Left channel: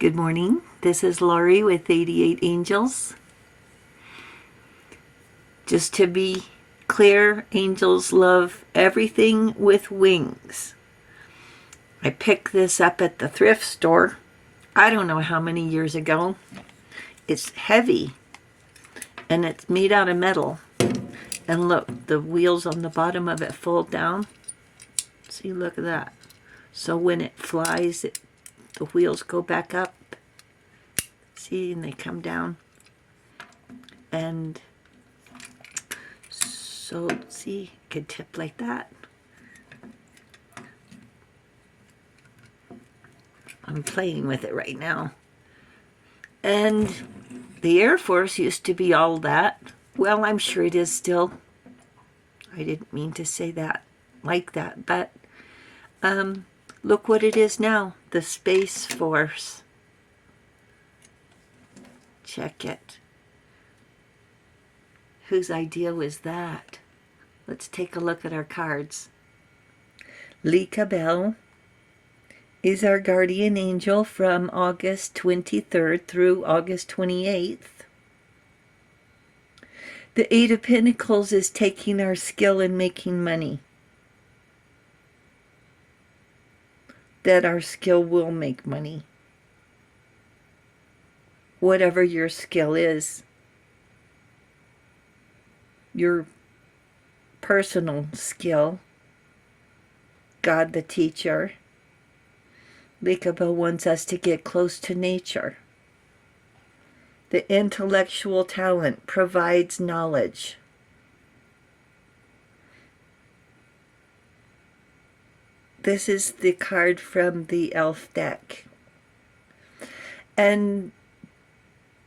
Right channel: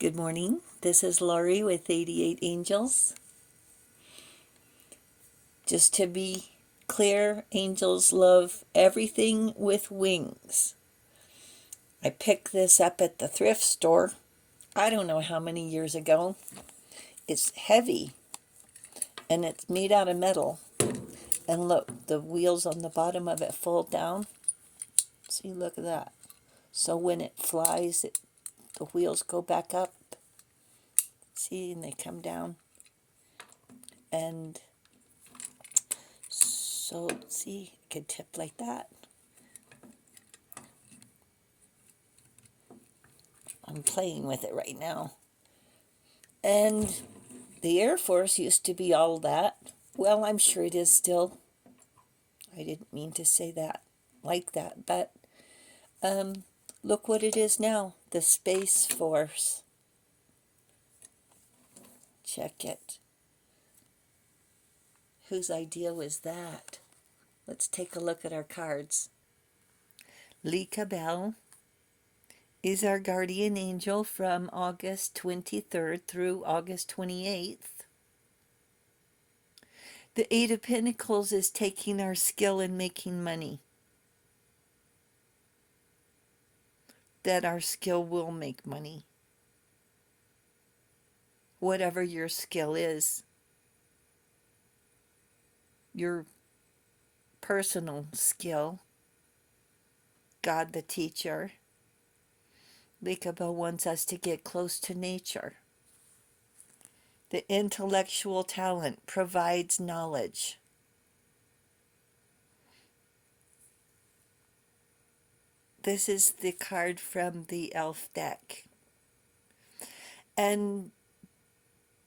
Good morning. This is Laurie with 88 Angels. Just to be clear, angels love everything with wings. I picked this up at the thrift store. I don't know how many years ago. It's heavy and it's made out of metal. And look, the wheels on the bottom of it fold down. See, look at that. So when it flies, the wheels go back up. See, and they come down. And so, see, it could tip like that. I'm playing with it right now. And the Air Force used to be all that. Well, I'm sure it is still. I didn't mean to say that like that, but look what it is now, the Space Force. Check it. Whose idea was that? Let's take a look at our cards. Lika Bell is our guardian angel from August 23rd through August 28th. The Eight of Pentacles is taking our skill in making money. That our skill will make money. Whatever your skill is. Your personal skill. God the teacher. Likaba wants us to get close to nature. The intellectual talent provides knowledge. This is the card from the elf deck. And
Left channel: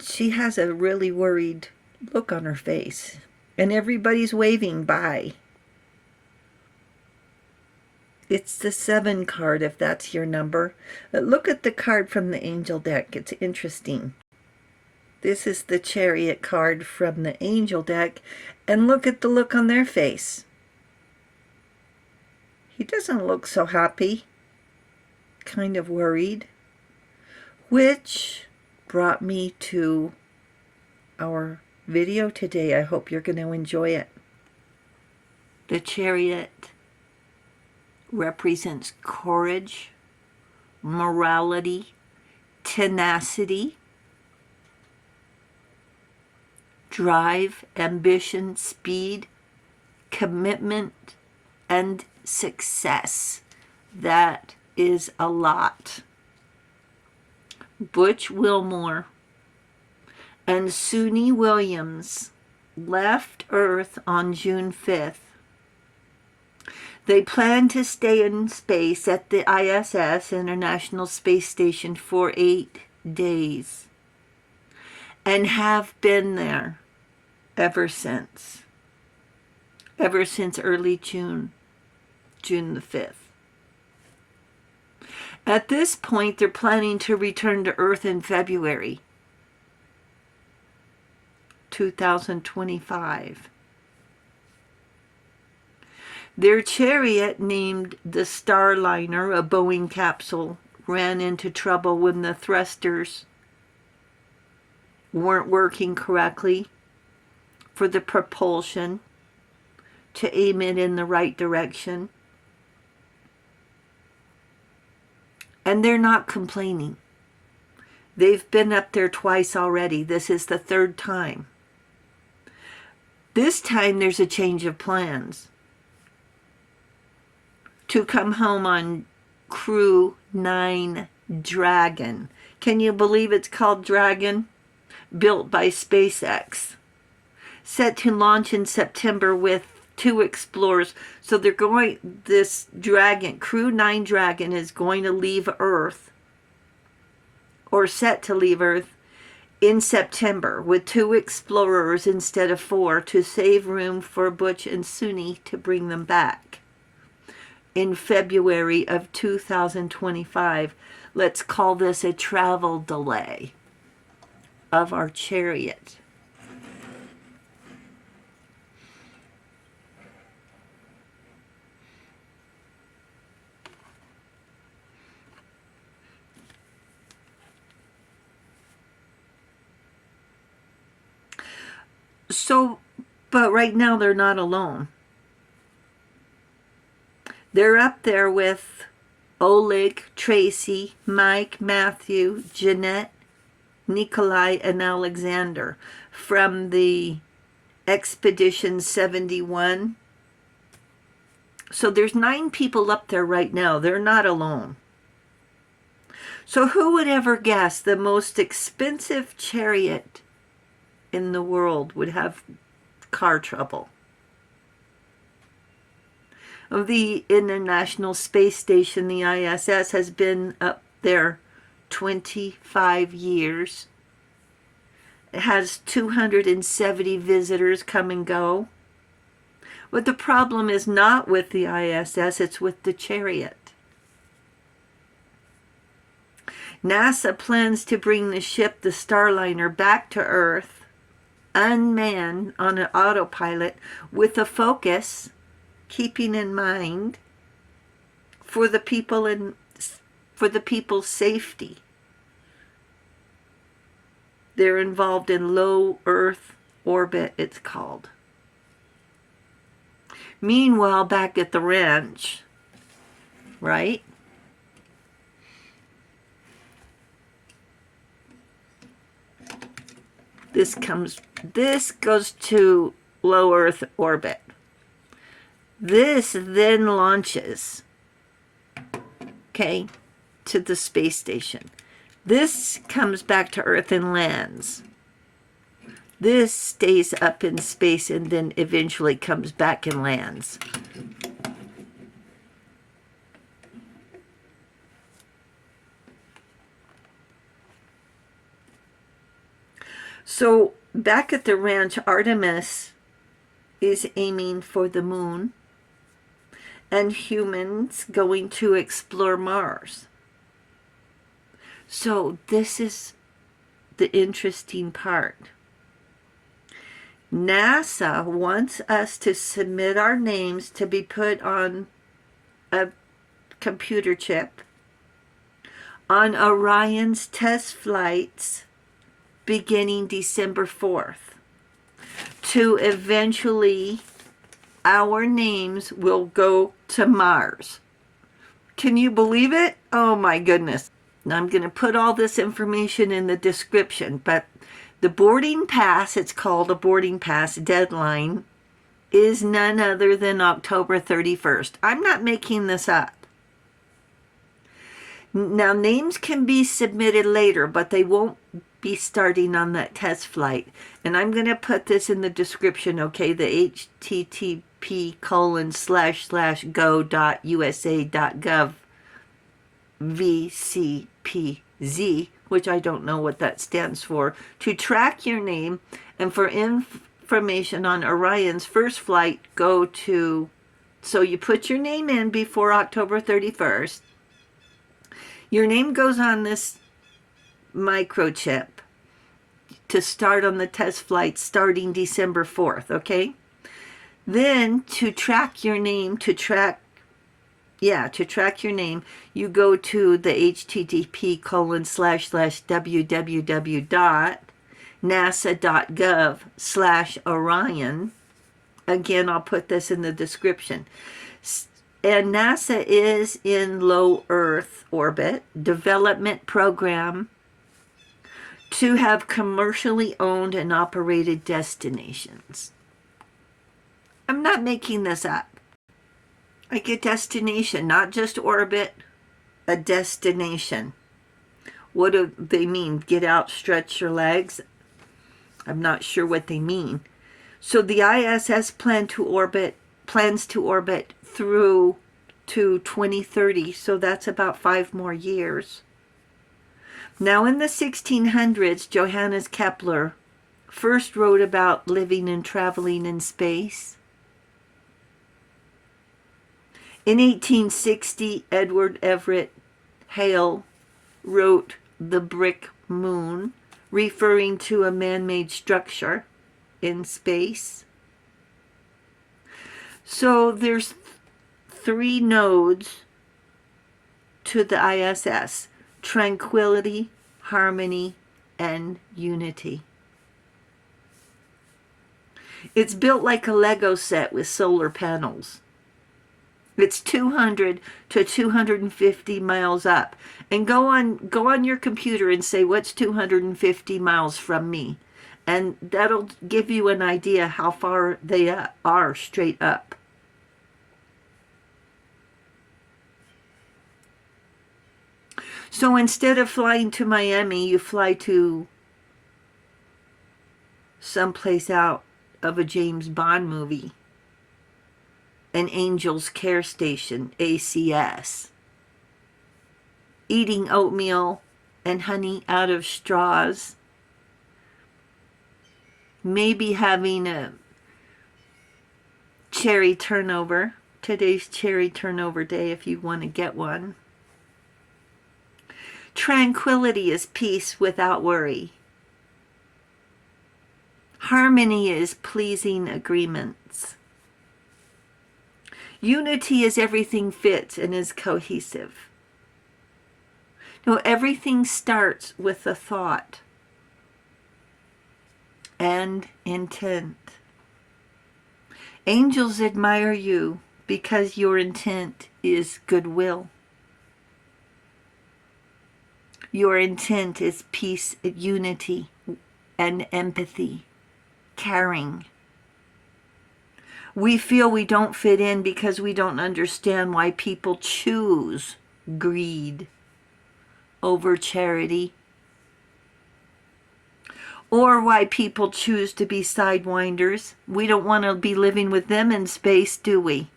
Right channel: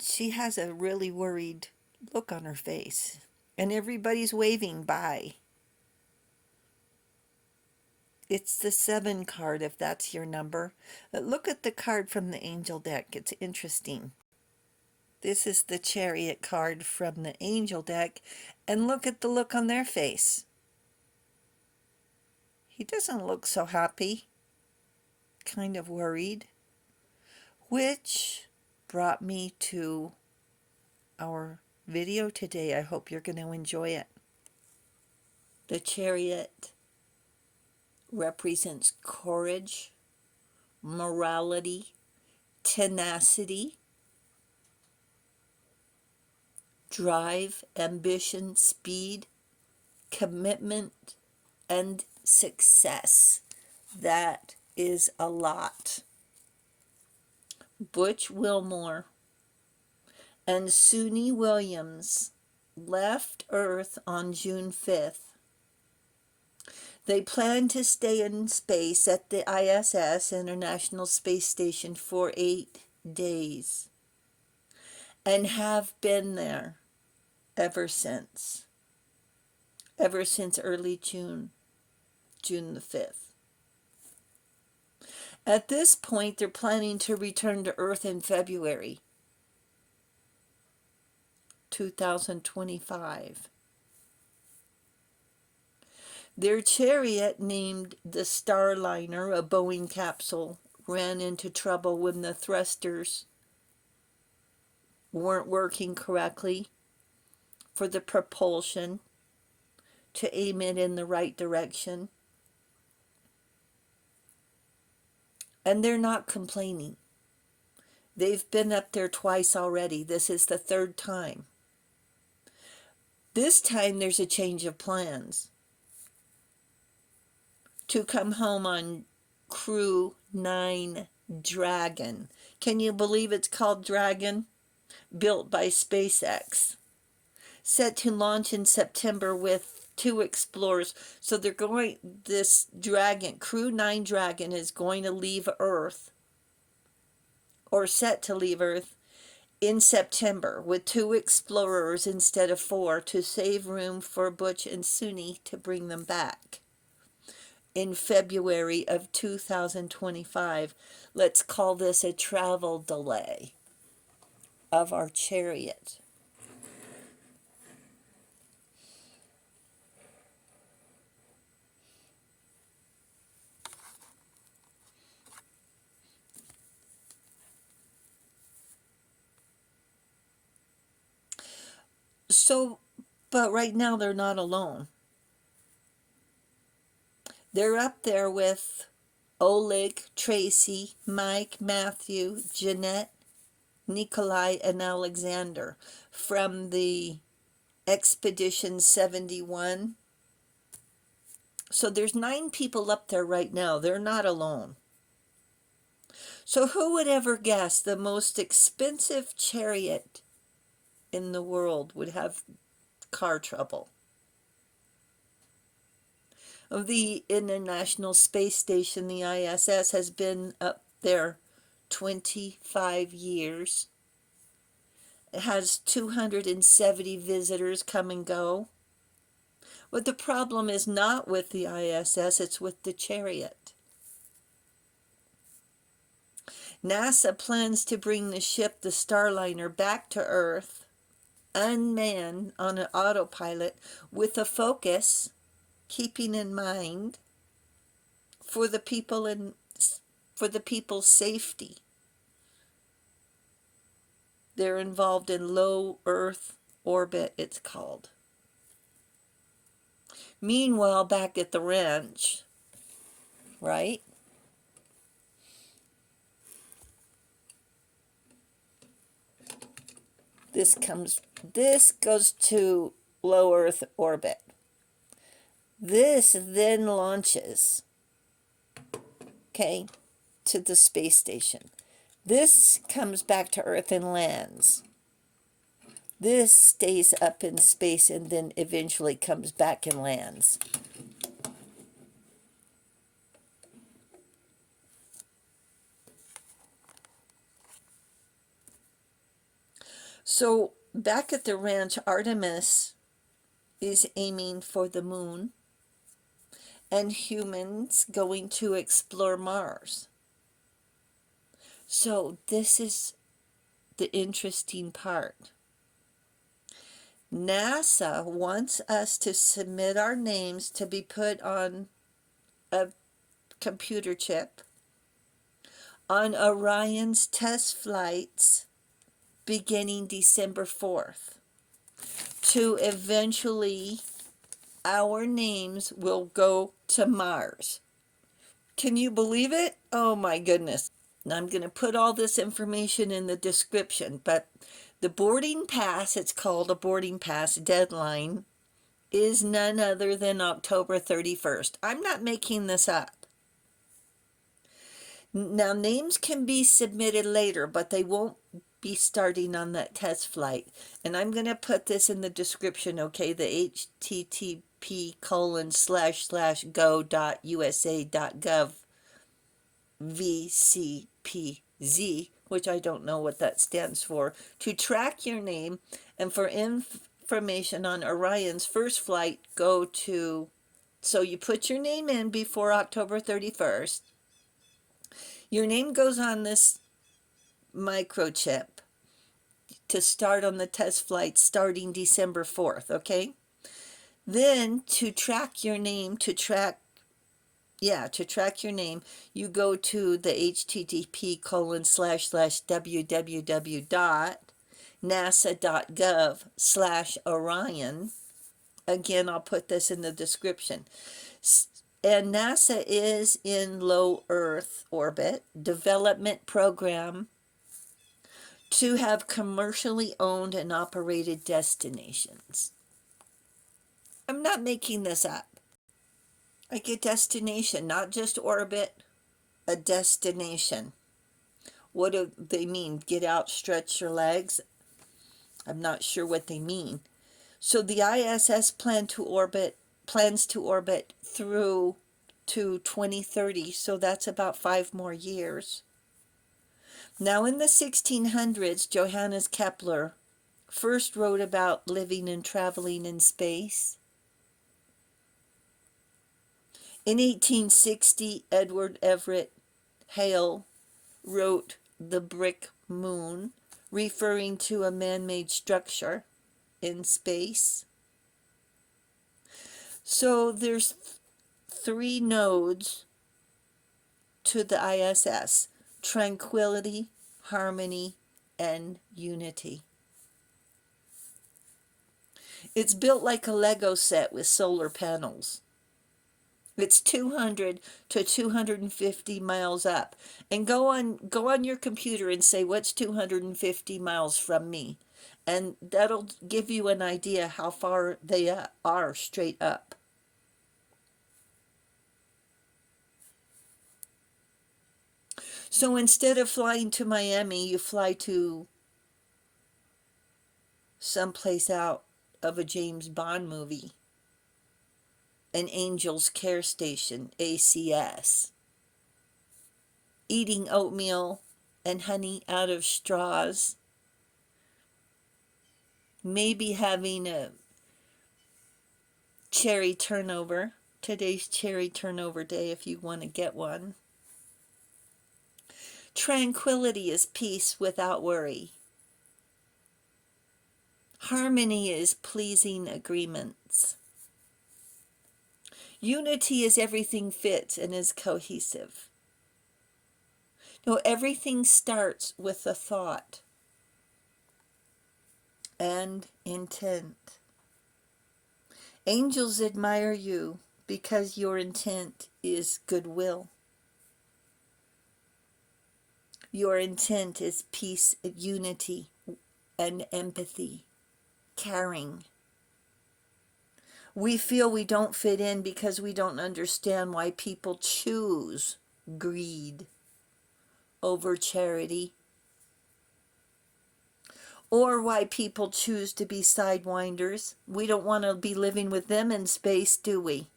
she has a really worried look on her face. And everybody's waving bye. It's the 7 card if that's your number. Look at the card from the angel deck. It's interesting. This is the Chariot card from the angel deck. And look at the look on their face. He doesn't look so happy. Kind of worried. Which brought me to our video today. I hope you're going to enjoy it. The Chariot represents courage, morality, tenacity, drive, ambition, speed, commitment, and success. That is a lot. Butch Wilmore and Suni Williams left Earth on June 5th. They plan to stay in space at the ISS, International Space Station, for 8 days. And have been there ever since. Ever since early June the 5th. At this point, they're planning to return to Earth in February 2025. Their chariot, named the Starliner, a Boeing capsule, ran into trouble when the thrusters weren't working correctly for the propulsion to aim it in the right direction. And they're not complaining. They've been up there twice already. This is the 3rd time. This time there's a change of plans. To come home on Crew 9 Dragon. Can you believe it's called Dragon? Built by SpaceX. Set to launch in September with 2 explorers. So they're going, this Dragon, Crew 9 Dragon, is going to leave Earth, or set to leave Earth, in September with 2 explorers instead of 4 to save room for Butch and Suni to bring them back. In February of 2025. Let's call this a travel delay of our chariot. So, but right now they're not alone. They're up there with Oleg, Tracy, Mike, Matthew, Jeanette, Nikolai, and Alexander from the Expedition 71. So there's 9 people up there right now. They're not alone. So who would ever guess the most expensive chariot in the world would have car trouble? The International Space Station, the ISS, has been up there 25 years. It has 270 visitors come and go. But the problem is not with the ISS, it's with the chariot. NASA plans to bring the ship, the Starliner, back to Earth, unmanned on an autopilot, with a focus, keeping in mind, for the people's safety. They're involved in low Earth orbit, it's called. Meanwhile, back at the ranch, right? This goes to low Earth orbit. This then launches, okay, to the space station. This comes back to Earth and lands. This stays up in space and then eventually comes back and lands. So back at the ranch, Artemis is aiming for the moon and humans going to explore Mars. So this is the interesting part. NASA wants us to submit our names to be put on a computer chip on Orion's test flights beginning December 4th. To eventually, our names will go to Mars. Can you believe it? Oh my goodness. Now I'm going to put all this information in the description, but the boarding pass, it's called a boarding pass deadline, is none other than October 31st. I'm not making this up. Now, names can be submitted later, but they won't be starting on that test flight. And I'm going to put this in the description, okay? The http://go.usa.gov VCPZ, which I don't know what that stands for, to track your name. And for information on Orion's first flight, go to, so you put your name in before October 31st. Your name goes on this microchip to start on the test flight starting December 4th, okay? Then to track your name, to track your name, you go to the http://www.nasa.gov/Orion. Again, I'll put this in the description. And NASA is in low Earth orbit development program to have commercially owned and operated destinations. I'm not making this up. Like a destination, not just orbit, a destination. What do they mean? Get out, stretch your legs? I'm not sure what they mean. So the ISS plans to orbit through to 2030, so that's about 5 more years. Now in the 1600s, Johannes Kepler first wrote about living and traveling in space. In 1860, Edward Everett Hale wrote The Brick Moon, referring to a man-made structure in space. So there's 3 nodes to the ISS: tranquility, harmony, and unity. It's built like a Lego set with solar panels. It's 200 to 250 miles up. And go on your computer and say, what's 250 miles from me? And that'll give you an idea how far they are straight up. So instead of flying to Miami, you fly to someplace out of a James Bond movie. An Angel's Care Station, ACS. Eating oatmeal and honey out of straws. Maybe having a cherry turnover. Today's cherry turnover day if you want to get one. Tranquility is peace without worry. Harmony is pleasing agreements. Unity is everything fits and is cohesive. No, everything starts with a thought and intent. Angels admire you because your intent is goodwill. Your intent is peace, unity, and empathy, caring. We feel we don't fit in because we don't understand why people choose greed over charity, or why people choose to be sidewinders. We don't want to be living with them in space, do we?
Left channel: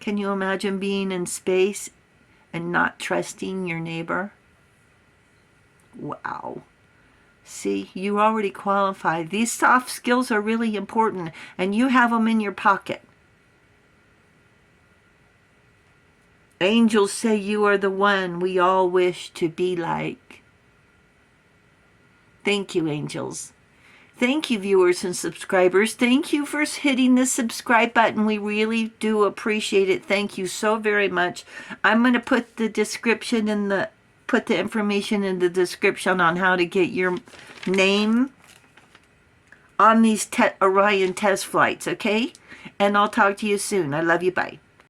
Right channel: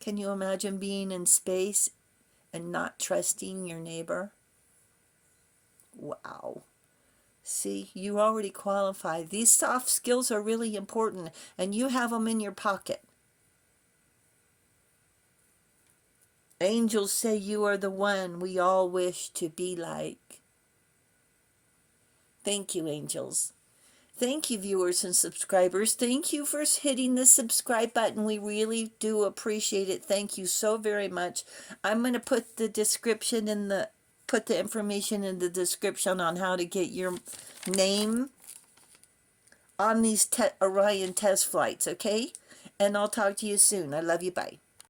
Can you imagine being in space and not trusting your neighbor? Wow. See, you already qualify. These soft skills are really important, and you have them in your pocket. Angels say you are the one we all wish to be like. Thank you, angels. Thank you, viewers and subscribers. Thank you for hitting the subscribe button. We really do appreciate it. Thank you so very much. I'm going to put the description in the information in the description on how to get your name on these Orion test flights, okay? And I'll talk to you soon. I love you. Bye.